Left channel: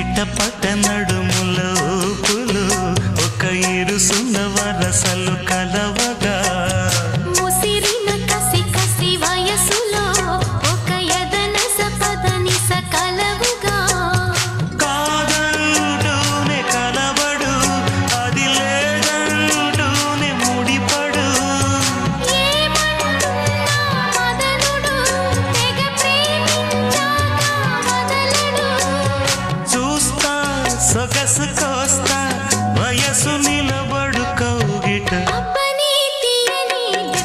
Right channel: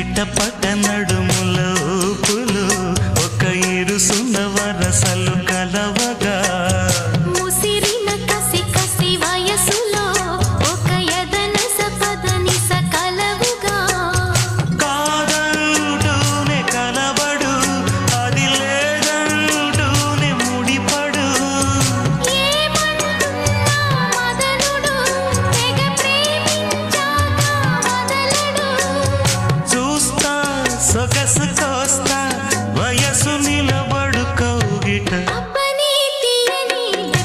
చిట్టపట్ట నడుముల ఊపులు ఒక ఇరుసున్న వరసలు కలవగా ముసిరిన కసి కసి వయసులో ఒక యదన సపదని సకలవుగా కాదంటూనే కలబడు అది లేదంటూనే ముడిపడు ఏమంటున్నా మదనుడు తెగ ప్రేమించాక వదలడు చూస్తా సొగసు కోస్తా వయసు నిలబడు కౌగిట అబ్బ